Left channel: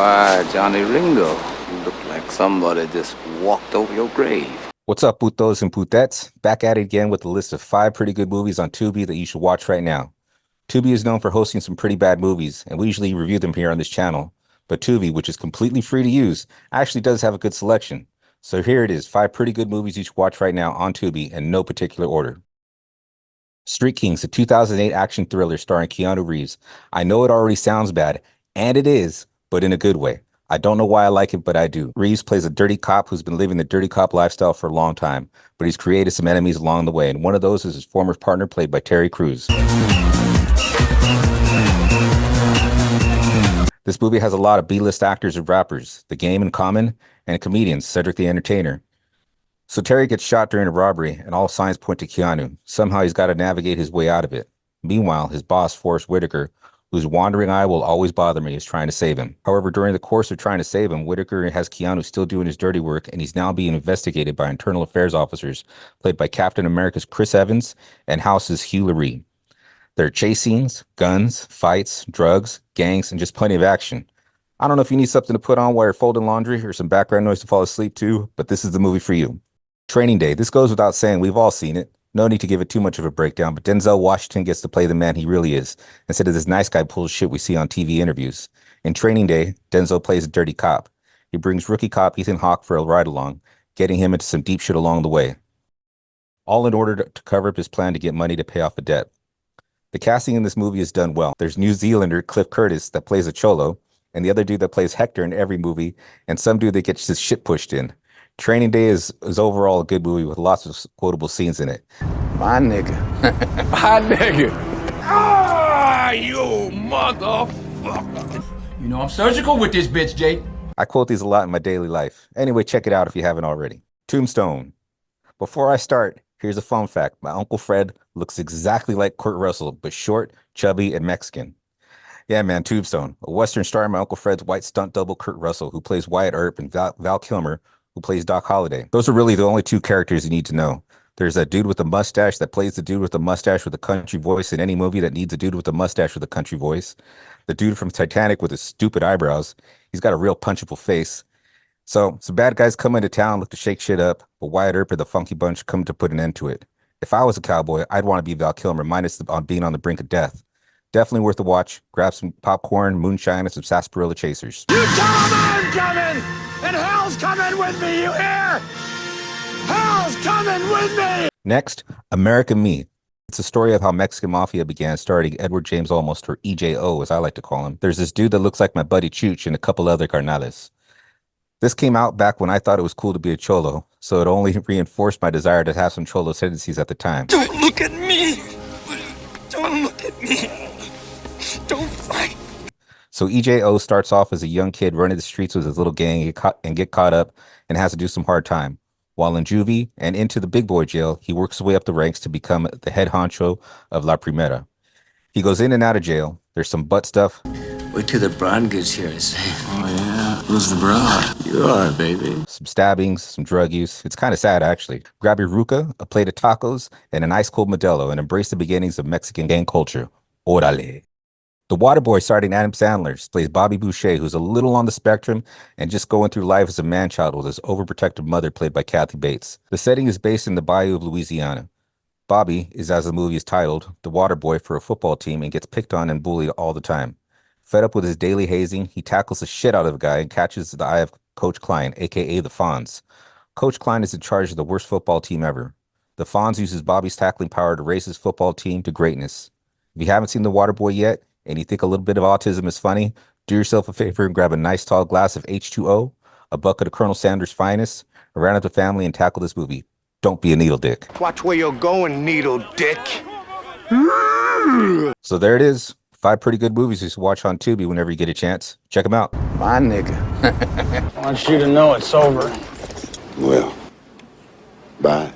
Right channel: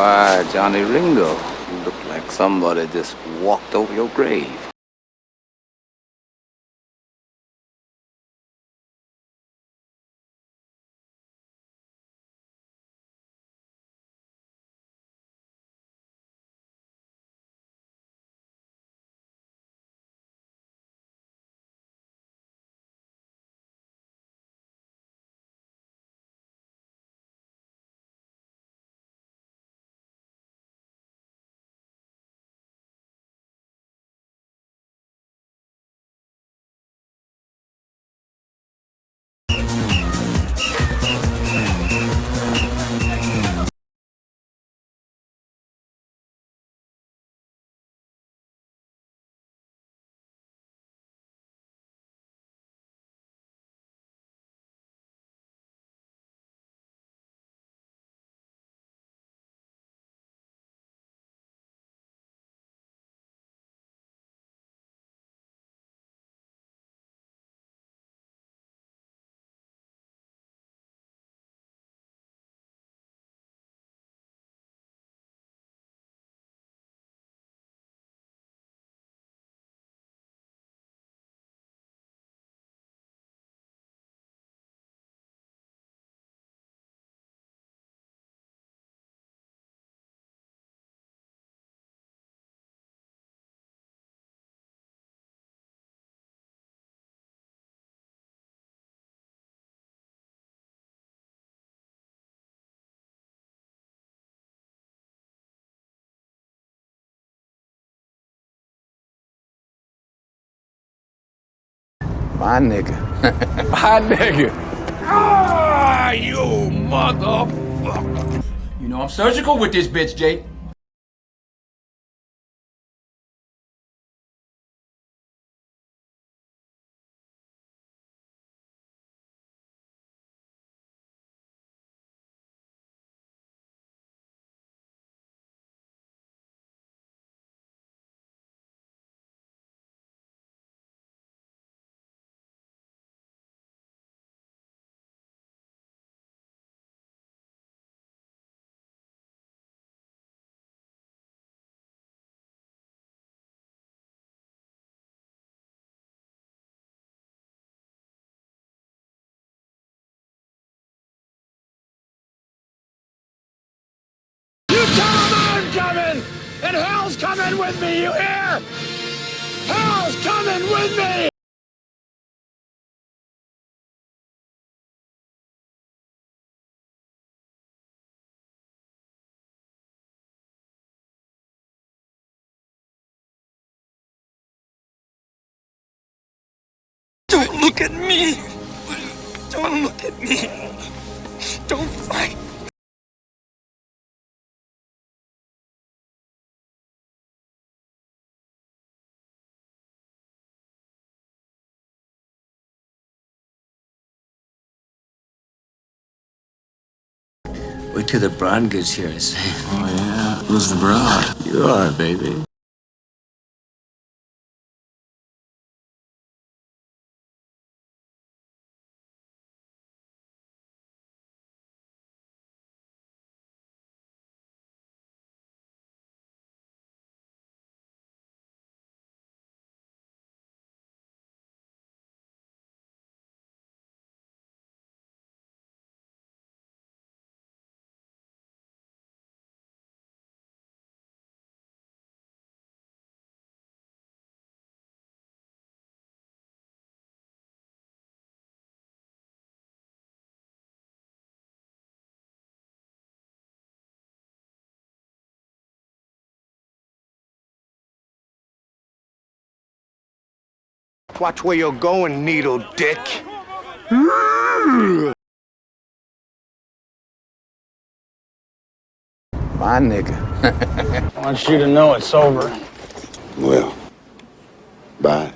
Why, Johnny Ringo, you look like somebody just walked over your grave. What's up, putos and putettes? Back at it again with a list of 5 pretty good movies on Tubi that you should watch right now. Tubi is known for hosting some pretty bad movies, and we usually review them here on this channel. But Tubi, which is completely free to use, actually does have a good selection. So here it is, 5 pretty good movies you should watch right now on Tubi in no particular order. Street Kings, a 2008 action thriller starring Keanu Reeves. I know it already sounds bad, and it is, but in a good way. I don't know why I like it, but I do. Reeves plays a dirty cop who's been living the dirty cop lifestyle for a long time, but he's created some enemies along the way, and one of those is his former partner played by Terry Crews. This movie has a lot of B-list actors and rappers, The Game and Common, and comedians, Cedric the Entertainer. So Terry gets shot during a robbery, and all signs point to Keanu. Somehow he's got to navigate his way out of it. Meanwhile, his boss, Forrest Whitaker, whose wandering eye will always bother me, is trying to save him. However, during the course of trying to save him, Whitaker has Keanu still doing his dirty work, and he's now being investigated by internal affairs officers, played by Captain America's Chris Evans and House's Hugh Laurie. There are chase scenes, guns, fights, drugs, gangs, and just plenty of action. I don't know if you need something to put on while you're folding laundry or some background noise to fall asleep to, but this is the movie for you. Training Day. This goes without saying, we've all seen it. No need to give it too much of a breakdown, but Denzel Washington gets to play the man he really is, instead of this nice guy bullshit we see on TV interviews. In Training Day, Denzel plays a dirty cop. He brings rookie cop Ethan Hawke for a ride-along, getting him into some deep shit along the way. All in order to cover up his plan to get money to pay off a debt. The casting in this movie is done well. There's New Zealander Cliff Curtis that plays a cholo, and the other dude that plays Hector in every movie, and some dude that gets his shit pushed in. Training Day is overall a good movie with lots of quotable scenes in it. My nigga. My nigga. Ah, you motherfucker. You know I'm surgical with this bitch, Jake. I quote these a lot in my daily life. Anyway, check it out if you haven't already. Tombstone. Before I start, here's a fun fact. My Uncle Fred looks exactly like Kurt Russell, but short, chubby, and Mexican. Yeah, man, Tombstone. A Western starring my Uncle Fred's white stunt double Kurt Russell, who plays Wyatt Earp, and Val Kilmer, who plays Doc Holliday. Those are really the only 2 characters you need to know. There's that dude with a mustache that plays the dude with a mustache with a country voice in any movie that needs a dude with a mustache with a country voice. The dude from Titanic with his stupid eyebrows. He's got a real punchable face. So some bad guys come into town, look to shake shit up, but Wyatt Earp and the Funky Bunch come to put an end to it. If I was a cowboy, I'd want to be Val Kilmer, minus being on the brink of death. Definitely worth a watch. Grab some popcorn, moonshine, and some sarsaparilla chasers. You tell them I'm coming, and hell's coming with me, you hear? Hell's coming with me! Next, America Me. It's a story of how Mexican Mafia began, starting Edward James Olmos, or EJO, as I like to call him. There's this dude that looks like my buddy Chooch and a couple other carnales. This came out back when I thought it was cool to be a cholo, so it only reinforced my desire to have some cholo tendencies at the time. Don't look at me! Don't look at me! Don't fight! So EJO starts off as a young kid running the streets with his little gang and get caught up and has to do some hard time. While in juvie and into the big boy jail, he works his way up the ranks to become the head honcho of La Primera. He goes in and out of jail. There's some butt stuff. Wait till the broad gets here, I say. Oh, yeah? Who's the broad? You are, baby. Some stabbings, some drug use. It's kind of sad, actually. Grab your ruca, a plate of tacos, and an ice-cold Modelo, and embrace the beginnings of Mexican gang culture. Orale. The Waterboy, starring Adam Sandler, plays Bobby Boucher, who's a little on the spectrum and just going through life as a man-child with his overprotective mother, played by Kathy Bates. The setting is based in the Bayou of Louisiana. Bobby is, as the movie is titled, the water boy for a football team and gets picked on and bullied all the time. Fed up with his daily hazing, he tackles the shit out of a guy and catches the eye of Coach Klein, a.k.a. the Fonz. Coach Klein is in charge of the worst football team ever. The Fonz uses Bobby's tackling power to raise his football team to greatness. If you haven't seen The Waterboy yet, and you think a little bit of autism is funny, do yourself a favor and grab a nice tall glass of H2O, a bucket of Colonel Sanders' finest, round up the family and tackle this movie. Don't be a needle dick. Watch where you're going, needle dick. So there it is. 5 pretty good movies you should watch on Tubi whenever you get a chance. Check them out. My nigga. I want you to know it's over. Well, bye.